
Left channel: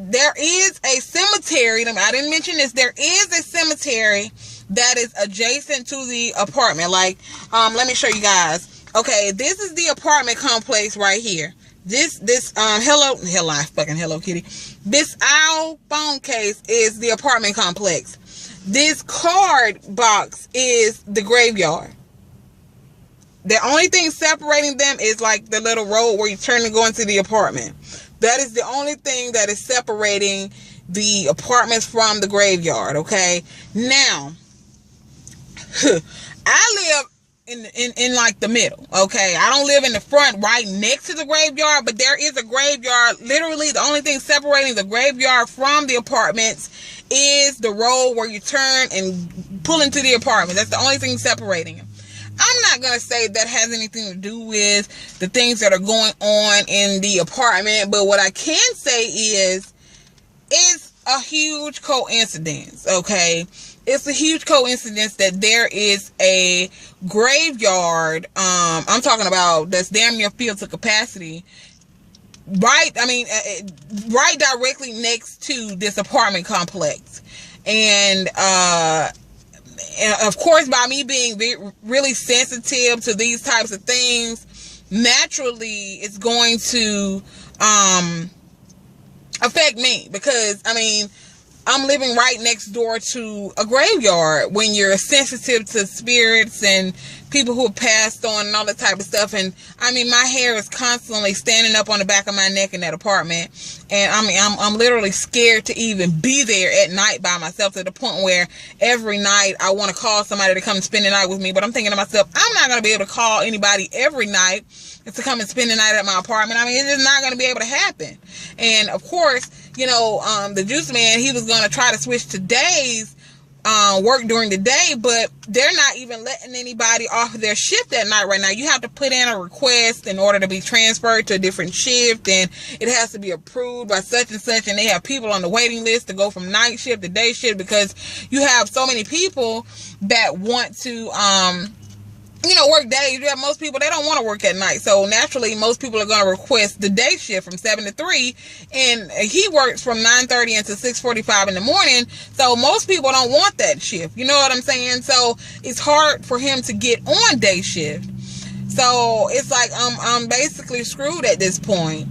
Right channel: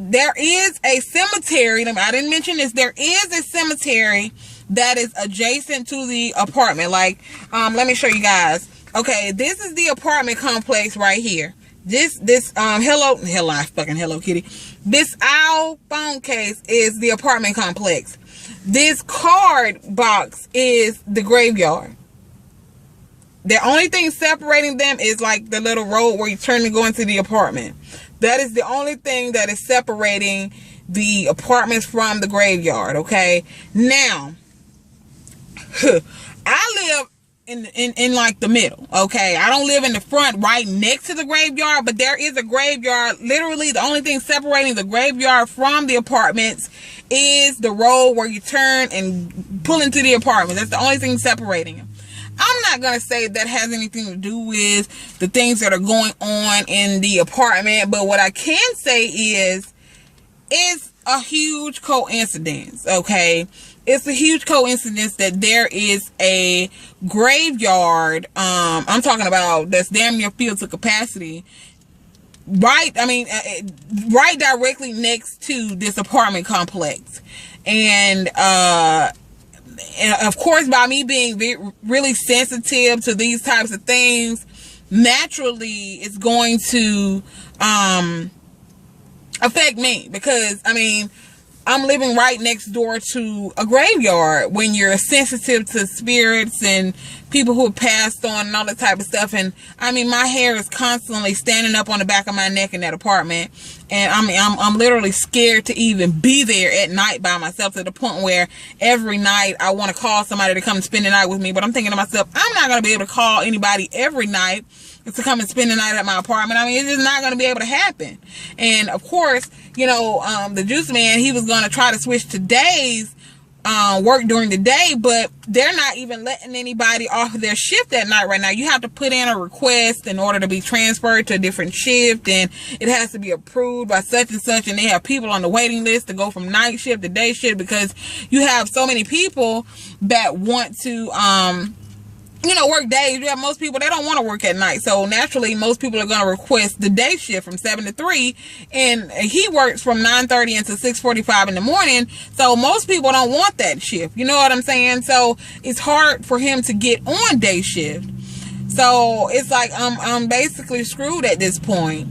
there is a cemetery. I didn't mention this. There is a cemetery that is adjacent to the apartment. Like, let me show you guys. Okay. This is the apartment complex right here. This Hello Kitty. This owl phone case is the apartment complex. This card box is the graveyard. The only thing separating them is like the little road where you turn to go into the apartment. That is the only thing that is separating the apartments from the graveyard, okay? Now, I live in like the middle, okay? I don't live in the front right next to the graveyard, but there is a graveyard. Literally, the only thing separating the graveyard from the apartments is the road where you turn and pull into the apartment. That's the only thing separating them. I'm not going to say that has anything to do with the things that are going on in the apartment, but what I can say is it's a huge coincidence, okay? It's a huge coincidence that there is a graveyard, I'm talking about, that's damn near filled to capacity, right directly next to this apartment complex. And of course, by me being really sensitive to these types of things, naturally it's going to affect me, because I mean, I'm living right next door to a graveyard. When you're sensitive to spirits and people who have passed on and all that type of stuff, and I mean, my hair is constantly standing up on the back of my neck in that apartment, and I mean, I'm literally scared to even be there at night by myself, to the point where every night I want to call somebody to come and spend the night with me, but I'm thinking to myself, I'm not going to be able to call anybody every night to come and spend the night at my apartment. I mean, it's just not going to be able to happen. And of course, you know, the juice man, he was going to try to switch to days, work during the day, but they're not even letting anybody off of their shift at night right now. You have to put in a request in order to be transferred to a different shift, and it has to be approved by such and such, and they have people on the waiting list to go from night shift to day shift, because you have so many people that want to you know, work days. You have most people, they don't want to work at night. So naturally, most people are going to request the day shift from 7 to 3. And he works from 9:30 until 6:45 in the morning. So most people don't want that shift. You know what I'm saying? So it's hard for him to get on day shift. So it's like I'm basically screwed at this point.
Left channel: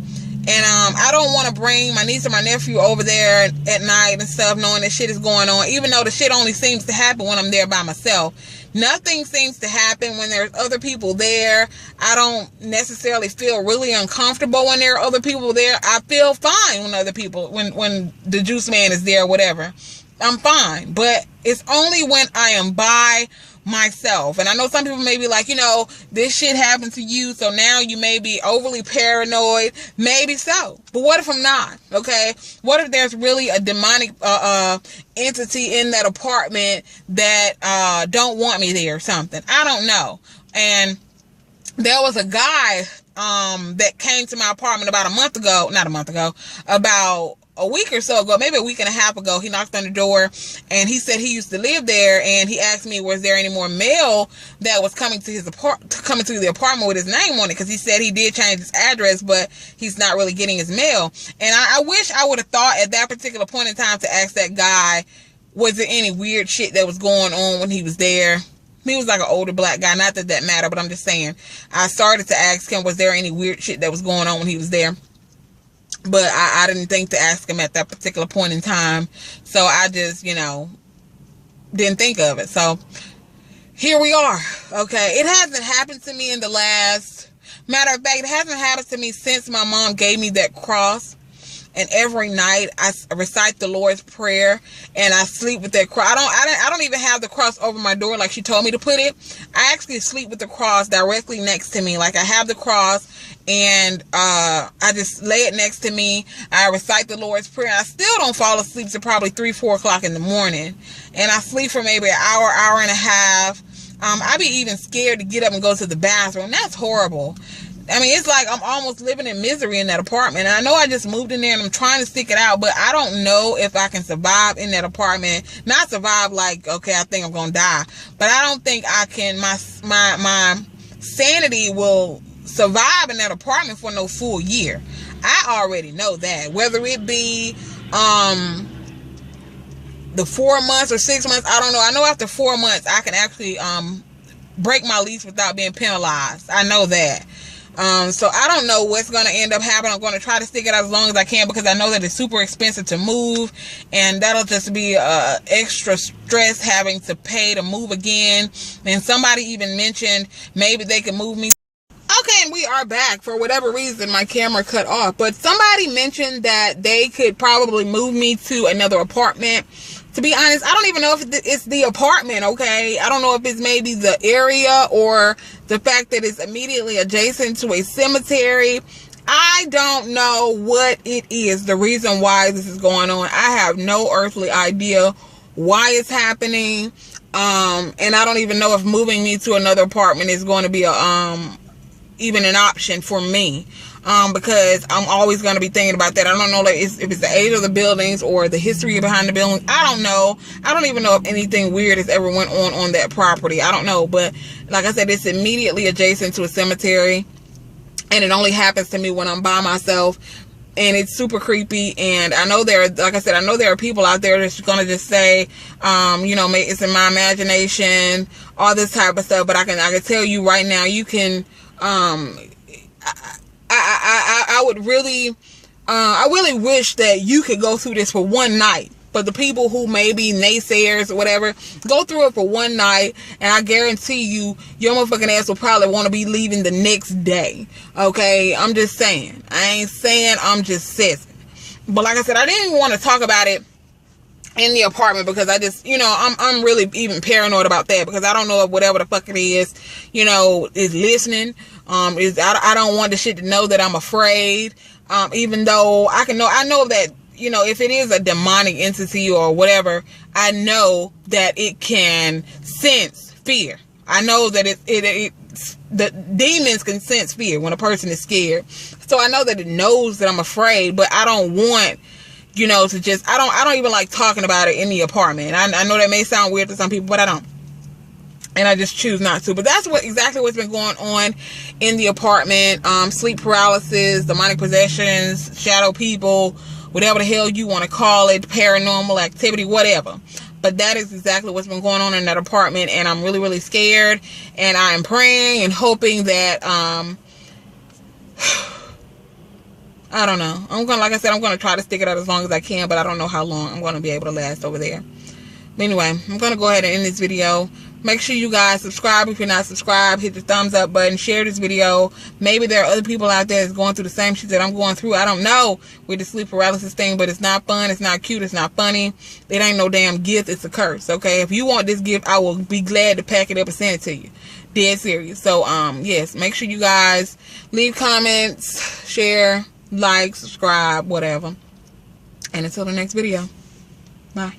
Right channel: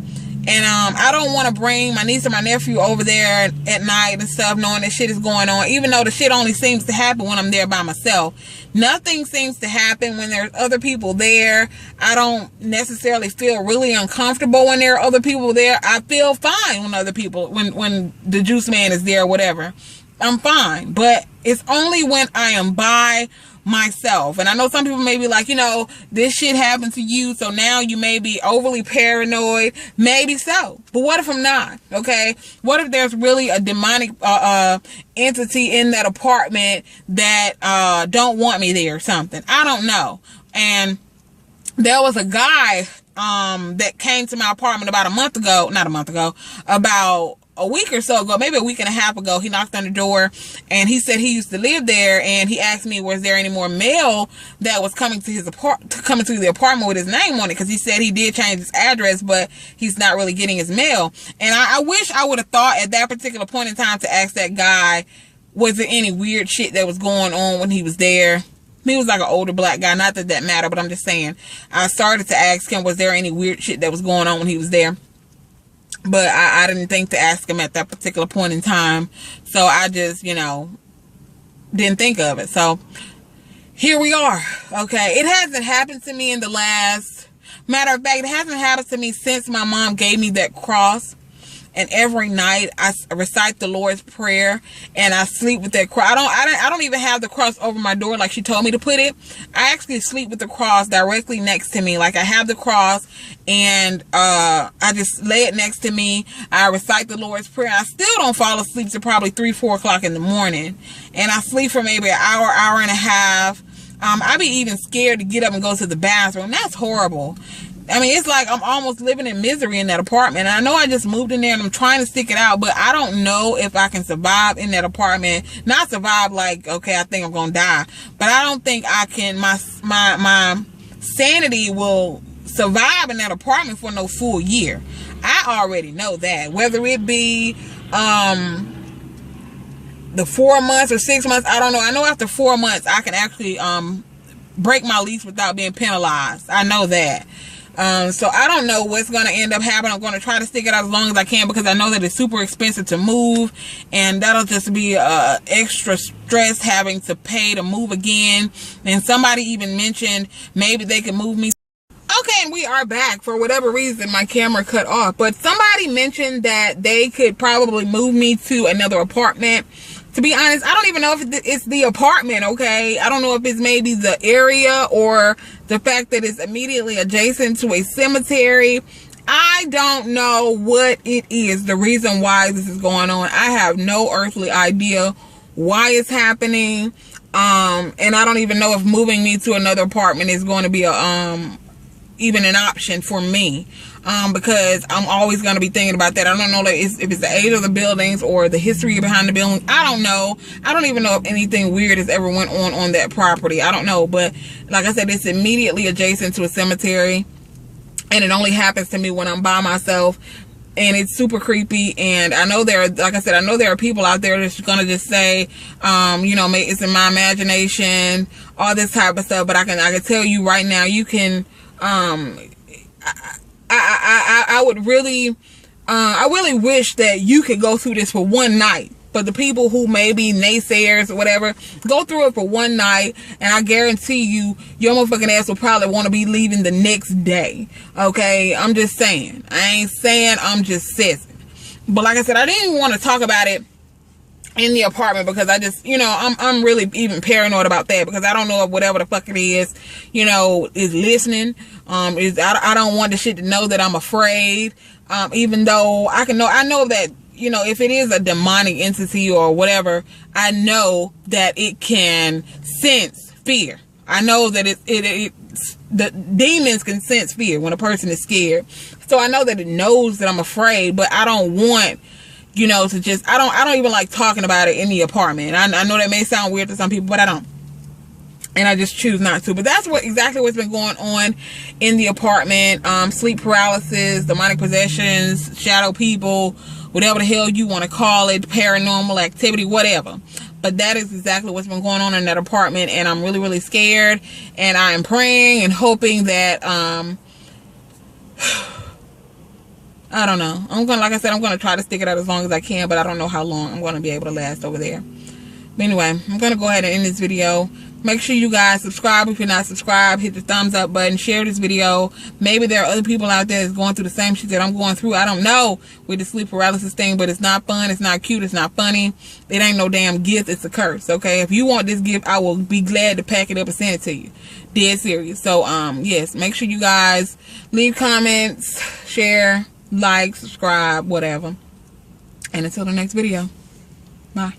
And I don't want to bring my niece or my nephew over there at night and stuff, knowing that shit is going on, even though the shit only seems to happen when I'm there by myself. Nothing seems to happen when there's other people there. I don't necessarily feel really uncomfortable when there are other people there. I feel fine when other people, when the juice man is there or whatever. I'm fine. But it's only when I am by myself. And I know some people may be like, you know, this shit happened to you, so now you may be overly paranoid. Maybe so. But what if I'm not? Okay? What if there's really a demonic entity in that apartment that don't want me there or something? I don't know. And there was a guy that came to my apartment about about a week or so ago, maybe a week and a half ago. He knocked on the door, and he said he used to live there, and he asked me, was there any more mail that was coming to his coming to the apartment with his name on it, because he said he did change his address, but he's not really getting his mail. And I wish I would have thought at that particular point in time to ask that guy, was there any weird shit that was going on when he was there? He was like an older black guy, not that that mattered, but I'm just saying, I started to ask him, was there any weird shit that was going on when he was there? But I didn't think to ask him at that particular point in time. So I just, you know, didn't think of it. So here we are. Okay. It hasn't happened to me in the last, matter of fact, it hasn't happened to me since my mom gave me that cross. And every night I recite the Lord's Prayer, and I sleep with that cross. I don't even have the cross over my door like she told me to put it. I actually sleep with the cross directly next to me. Like, I have the cross, and I just lay it next to me. I recite the Lord's Prayer. I still don't fall asleep till probably 3, 4 o'clock in the morning, and I sleep for maybe an hour, hour and a half. I be even scared to get up and go to the bathroom. That's horrible. I mean, it's like I'm almost living in misery in that apartment. And I know I just moved in there and I'm trying to stick it out, but I don't know if I can survive in that apartment. Not survive like, okay, I think I'm going to die. But I don't think I can, my sanity will survive in that apartment for no full year. I already know that. Whether it be the 4 months or 6 months, I don't know. I know after 4 months, I can actually break my lease without being penalized. I know that. So I don't know what's going to end up happening. I'm going to try to stick it out as long as I can, because I know that it's super expensive to move, and that'll just be extra stress having to pay to move again. And somebody even mentioned maybe they could move me. Okay, and we are back. For whatever reason, my camera cut off, but somebody mentioned that they could probably move me to another apartment. To be honest, I don't even know if it's the apartment, okay? I don't know if it's maybe the area or the fact that it's immediately adjacent to a cemetery. I don't know what it is, the reason why this is going on. I have no earthly idea why it's happening. And I don't even know if moving me to another apartment is going to be a even an option for me, because I'm always going to be thinking about that. I don't know, like, if it's the age of the buildings or the history behind the building. I don't know. I don't even know if anything weird has ever went on that property. I don't know. But like I said, it's immediately adjacent to a cemetery, and it only happens to me when I'm by myself, and it's super creepy. And I know like I said, I know there are people out there that's gonna just say, you know, it's in my imagination, all this type of stuff. But I can tell you right now, you can, I would really, I really wish that you could go through this for one night. But the people who may be naysayers or whatever, go through it for one night, and I guarantee you, your motherfucking ass will probably want to be leaving the next day. Okay? I'm just saying. I ain't saying, I'm just saying. But like I said, I didn't even want to talk about it in the apartment, because I just, you know, I'm really even paranoid about that, because I don't know if whatever the fuck it is, you know, is listening. I don't want the shit to know that I'm afraid. Even though I know that, you know, if it is a demonic entity or whatever, I know that it can sense fear. I know that the demons can sense fear when a person is scared. So I know that it knows that I'm afraid, but I don't want, you know, to just, I don't even like talking about it in the apartment. I know that may sound weird to some people, but I don't. And I just choose not to. But that's exactly what's been going on in the apartment. Sleep paralysis, demonic possessions, shadow people, whatever the hell you want to call it, paranormal activity, whatever. But that is exactly what's been going on in that apartment, and I'm really, really scared. And I am praying and hoping that, I don't know. Like I said, I'm gonna try to stick it out as long as I can, but I don't know how long I'm gonna be able to last over there. But anyway, I'm gonna go ahead and end this video. Make sure you guys subscribe if you're not subscribed. Hit the thumbs up button. Share this video. Maybe there are other people out there that's going through the same shit that I'm going through. I don't know with the sleep paralysis thing, but it's not fun. It's not cute. It's not funny. It ain't no damn gift. It's a curse, okay? If you want this gift, I will be glad to pack it up and send it to you. Dead serious. So, yes, make sure you guys leave comments, share, like, subscribe, whatever. And until the next video, bye.